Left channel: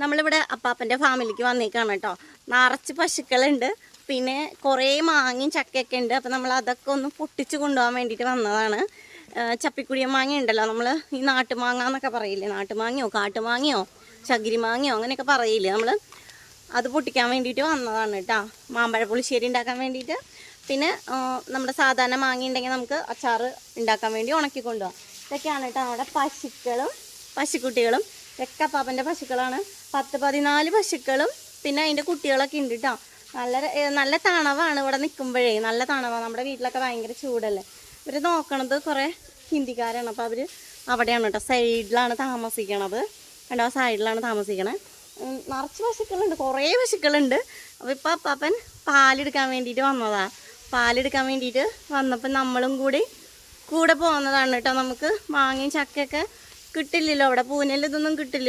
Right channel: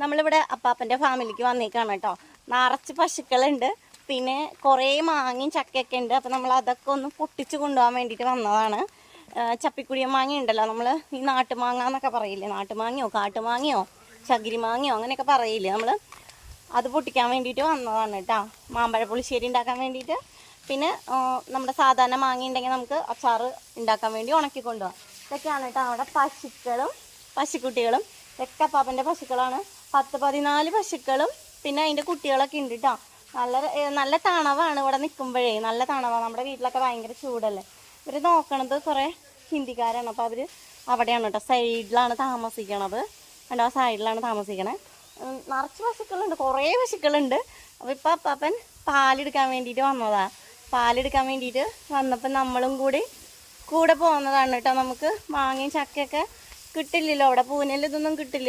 നമ്മളിവിടെ അപ്പാപ്പൻ്റെ ഫാമിലിക്ക് വന്നേക്കാണ് കേട്ടോ. നിറച്ച് പശുക്കളുണ്ട്, പിന്നെ കുറേ മാങ്ങയും ചക്കയൊക്കെ ഉണ്ട്. അപ്പോൾ നമ്മൾ അതൊക്കെ ഒന്ന് പൊട്ടിച്ച് കൊണ്ടുപോകാൻ വേണ്ടിയിട്ട് വന്നതാണ്. ചപ്പിക്കുടിയ മാങ്ങ ഉണ്ടല്ലോ, നമ്മൾ ഈ നാട്ടുമാങ്ങ എന്നൊക്കെ പറയില്ലേ, നാട്ടുമാങ്ങയോ കാട്ടുമാങ്ങയോ ചകിരി മാങ്ങയോ അങ്ങനെയൊക്കെ പറയില്ലേ, നമ്മൾ അത് പൊട്ടിക്കാൻ വേണ്ടിയിട്ട് വന്നതാണ് കേട്ടോ. മാമ്പഴ പുളിശ്ശേരി ഉണ്ടാക്കാൻ വേണ്ടിയിട്ട്. പിന്നെ നമ്മുടെ സാധാരണ മാങ്ങ ഉണ്ടെങ്കിൽ നമുക്ക് അച്ചാർ ഉണ്ടാക്കാൻ വേണ്ടി ഉണക്കി കൊണ്ടുപോകാം. ഇതൊക്കെയാണ് കേട്ടോ നമ്മുടെ പശുക്കുട്ടികളും. ഇതൊക്കെ അപ്പാപ്പൻ്റെ പശുക്കളാണ്. 10-14 പശുക്കളും പിന്നെ അതിൻ്റെ കുട്ടികളൊക്കെ ഉണ്ട് കേട്ടോ. നല്ല തണവാണ് ഇവിടെ നിൽക്കുമ്പോഴേ, നല്ല തണവാണ്. നമ്മുടെ വീട്ടിലൊക്കെ ഭയങ്കര ചൂടല്ലേ. ഇവർ നോക്കണത് കുറേ ഹിന്ദിക്കാരാണ്. അപ്പോൾ അവർ അവിടെയാണ് കേട്ടോ, സൈഡിലാണ് താമസിക്കണത്. ആ സൈഡിലാണ് താമസിക്കണത്. നിറച്ച് പശുക്കളുണ്ട്, കുറേ പശുക്കളുണ്ട്. അപ്പോൾ ഇപ്പോൾ അപ്പാപ്പൻ പാലെടുക്കാൻ വേണ്ടിയിട്ട് വന്നതാണ്. പാലെടുക്കാൻ വേണ്ടിയിട്ട് വന്നപ്പോൾ നമ്മളും കൂടെ പോകുന്നതാണ് കേട്ടോ. നമുക്ക് മാങ്ങയും ചക്കയൊക്കെ കിട്ടില്ലല്ലോ അവിടെ, പൂനെയിൽ ഇതൊന്നും കിട്ടില്ല.